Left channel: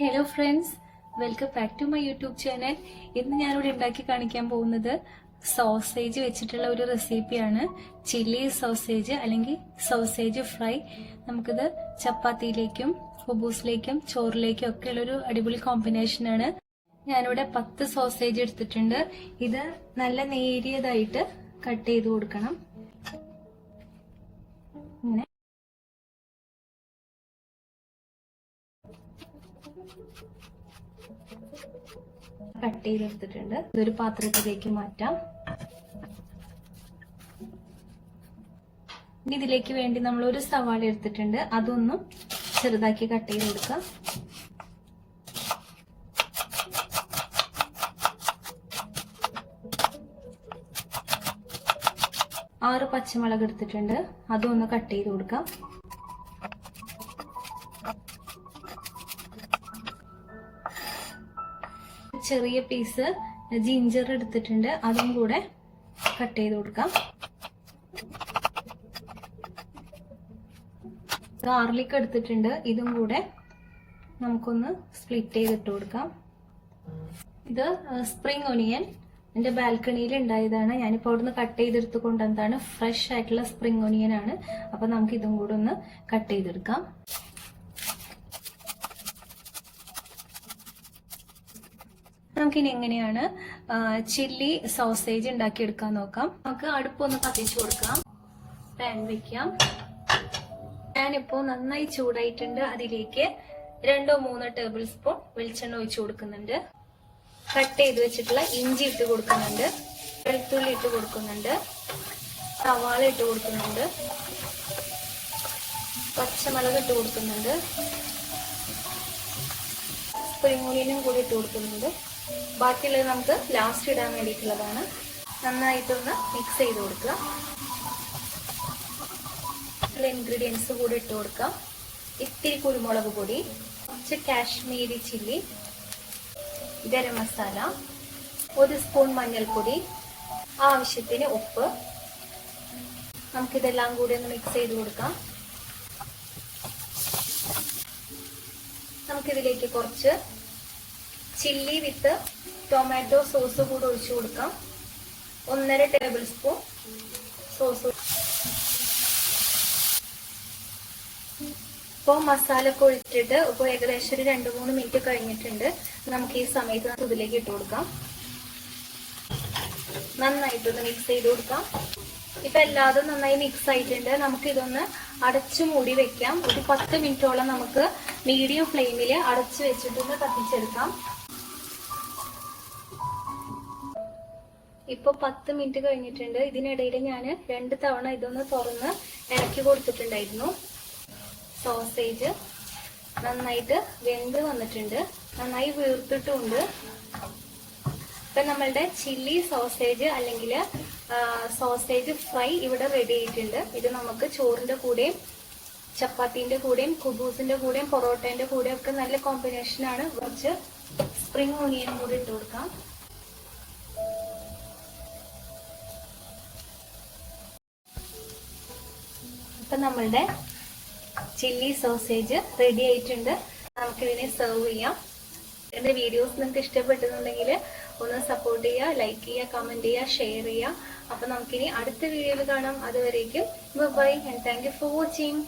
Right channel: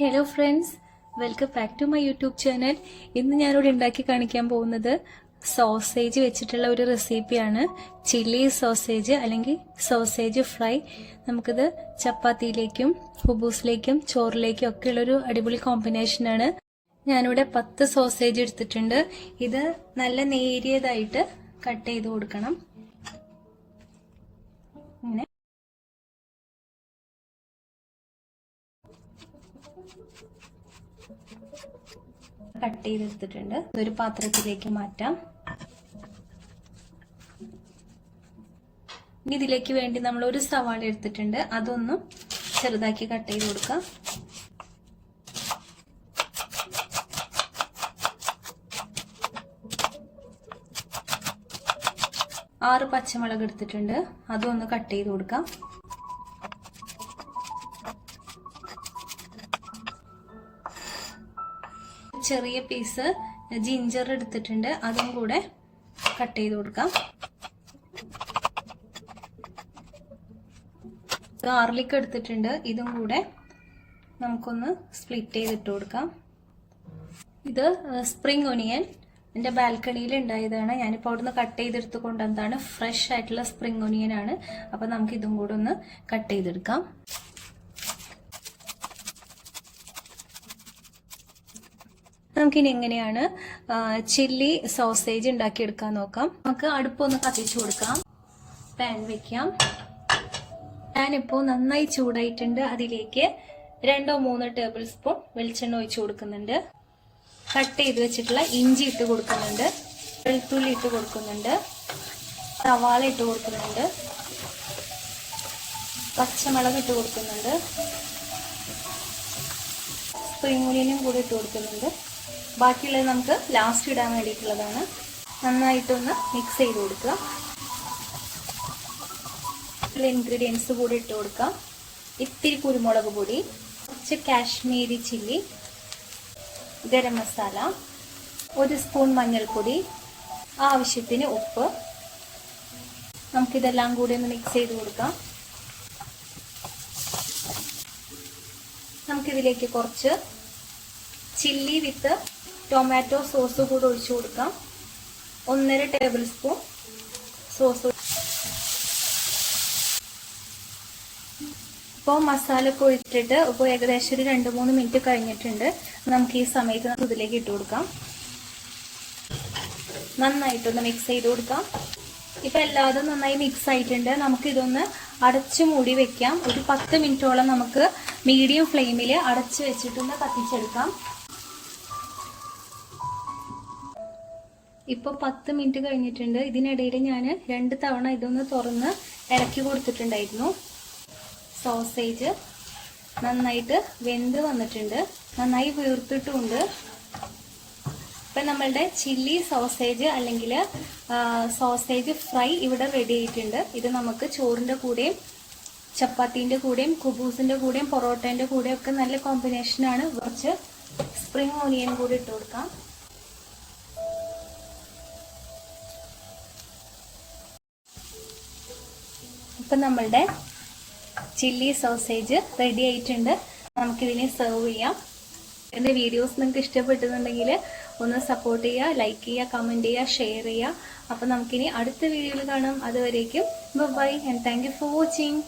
Hello friends, welcome back to my YouTube channel. ഇന്ന് ഞാനിവിടെ ഉണ്ടാക്കി കാണിക്കാൻ പോകുന്നത് സോസേജ് വെച്ചിട്ടുള്ള ഒരു റെസിപ്പിയാണ്. ചില്ലി സോസേജ് അല്ലെങ്കിൽ സോസേജ് ഫ്രൈ. നമുക്കിത് ചപ്പാത്തിയിലേക്കും ഹുബൂസിലേക്കും ചോറിലേക്കും ഒക്കെ ഉള്ളൊരു അടിപൊളി കോമ്പിനേഷനാണ്. ഞാനിവിടെ 10 സോസേജ് എടുത്തിട്ടുണ്ട്. ഇത് നല്ല നേരിയതായിട്ട് കട്ട് ചെയ്ത് കൊടുക്കണം. ഇങ്ങനെ കട്ട് ചെയ്തെടുത്തിട്ടുണ്ട്. ഇതൊരു പാത്രത്തിലേക്ക് മാറ്റാം. ഇതിലേക്ക് വേണ്ടി നമ്മൾ ഒരു സവാള എടുത്തിട്ടുണ്ട്. അതൊന്നും ചെറുതാക്കി കട്ട് ചെയ്ത് കൊടുക്കാം. ആറ് പച്ചമുളക് എടുത്തിട്ടുണ്ട്. അതൊന്ന് കട്ട് ചെയ്ത് കൊടുക്കാം. ചെറിയ പീസ് ജിഞ്ചർ എടുത്തിട്ടുണ്ട്. അതും കൂടെ കട്ട് ചെയ്ത് കൊടുക്കാം. ഗാർലിക് എടുത്തിട്ടുണ്ട്. ഇതും കൂടെ നമുക്കൊന്ന് സ്പ്ലിറ്റ് ചെയ്തിട്ട് കൊടുക്കാം. ഇത് സ്പ്രിംഗ് ഒനിയൻ എൻ്റെ ബാൽക്കണിയിൽ ഉണ്ടായതാണ്. ഞാനിപ്പോൾ അവിടുന്ന് കട്ട് ചെയ്തെടുത്ത് കൊണ്ടുവന്നതാണ്. ഫ്രഷ് ആയിട്ടുള്ള സ്പ്രിംഗ് ഒനിയൻ ആണ്. അപ്പം നമുക്ക് ഇതും കൂടെ ഒന്ന് കട്ട് ചെയ്തെടുക്കാം. നമുക്കിനി എങ്ങനെയാണ് ചില്ലി സോസേജ് ഉണ്ടാക്കിയെടുക്കാൻ നോക്കാം. നമുക്ക് അടുപ്പൊന്ന് കത്തിച്ചു കൊടുക്കാം. പാൻ വെക്കാം. പാനിപ്പോൾ നന്നായി ചൂടായിട്ടുണ്ട്. അതിലേക്ക് 2-3 ടേബിൾ സ്പൂൺ വെളിച്ചെണ്ണ ഒഴിച്ചു കൊടുക്കുന്നുണ്ട്. കട്ട് ചെയ്ത് വെച്ചിട്ടുള്ള ഇഞ്ചി ഇട്ട് കൊടുക്കുന്നുണ്ട്. വെളുത്തുള്ളി ഇട്ട് കൊടുക്കുന്നുണ്ട്. സവാള ഇട്ട് കൊടുക്കുന്നുണ്ട്. പച്ചമുളക് ഇട്ട് കൊടുക്കുന്നുണ്ട്. സ്പ്രിംഗ് ഒനിയനും കൂടി ഇട്ട് കൊടുക്കുന്നുണ്ട്. ബാക്കിയുള്ളത് നമുക്ക് ലാസ്റ്റ് ഇടാൻ വേണ്ടിയിട്ടുള്ളതാണ്. നന്നായിട്ടൊന്ന് മിക്സ് ചെയ്ത് കൊടുക്കുക. ഇൻഗ്രീഡിയൻസ് കൂടി ഇട്ട് കൊടുക്കാം. ഇത്തിരി കുരുമുളക് പൊടി, കുറച്ച് കാശ്മീരി ചില്ലി, ഗരം മസാല, 1 സ്പൂൺ മഞ്ഞൾപ്പൊടി, ആവശ്യത്തിന് ഉപ്പ്. നമുക്കിതെല്ലാം കൂടി ഒന്ന് മിക്സ് ചെയ്ത് കൊടുക്കാം. നമുക്കിതിലേക്ക് കുറച്ച് ചില്ലി വിത്ത് ടൊമാറ്റോ സോസ് കൂടെ ഒഴിച്ചു കൊടുക്കാം. 1.5 ടേബിൾ സ്പൂൺ സോസ്. ഇപ്പോൾ മസാല ഒക്കെ ഒഴിച്ചിട്ട് ഇപ്പോൾ ഏകദേശം ഒരു 2-3 മിനിറ്റ് കഴിഞ്ഞിട്ടുണ്ട്. നമുക്ക് ഈ സമയത്ത് ഇതിലേക്ക് ഇട്ട് കൊടുക്കാം. നന്നായിട്ടൊന്ന് മിക്സ് ചെയ്ത് കൊടുക്കാം. ഇപ്പൊ എല്ലാതും നന്നായി മിക്സ് ആയിട്ടുണ്ട്. നമുക്ക് ഇതൊന്ന് അടച്ചു മൂടി വെക്കാം. ഒരു 10 മിനിറ്റോളം നമുക്ക് മീഡിയം ഫ്ലെയിമിൽ അടച്ചു വെച്ചിട്ടൊന്ന് കത്തിച്ചെടുക്കാം. ഇപ്പൊ 10 മിനിറ്റ് കഴിഞ്ഞിട്ടുണ്ട്. ഇതിനിടയിൽ ഞാൻ 2 തവണ ഇതൊന്ന് തുറന്ന് ഇറക്കി കൊടുത്തിട്ടുണ്ടായിരുന്നു. സോസേജ് നന്നായിട്ട് വെന്ത് വന്നിട്ടുണ്ട്. നന്നായി വീർത്തിട്ടുമുണ്ട്. ഇപ്പൊ നമ്മളുടെ ചില്ലി സോസേജ് അല്ലെങ്കിൽ സോസേജ് ഫ്രൈ ഇവിടെ റെഡി ആയിട്ടുണ്ട്. ഇത് നമുക്ക് ചോറിന്റെ കൂടെയും ചപ്പാത്തിന്റെ കൂടെയും കുബൂസിന്റെ കൂടെയും പൊറോട്ടന്റെ കൂടെയും ഒക്കെ നല്ല കോമ്പിനേഷനാണ്. കുറച്ച് സ്പ്രിംഗ് ഒനിയൻ കൂടി ഇട്ട് കൊടുക്കാം. ഇപ്പൊ നമ്മളുടെ ചില്ലി സോസേജ് റെഡി ആയിട്ടുണ്ട്. നമുക്കിതിനെ സെർവ് ചെയ്യാം. എൻ്റെ വീഡിയോസ് നിങ്ങൾക്ക് ഇഷ്ടപ്പെട്ടുന്നുണ്ടെങ്കിൽ ഒന്ന് സപ്പോർട്ട് ചെയ്യുക, ലൈക്ക് ചെയ്യുക, കമൻറ്റ് ചെയ്യുക, ഷെയർ ചെയ്യുക. അപ്പോൾ നമുക്കിനി അടുത്ത വീഡിയോയിൽ കാണാം. അതുവരേക്കും bye and thank you for watching.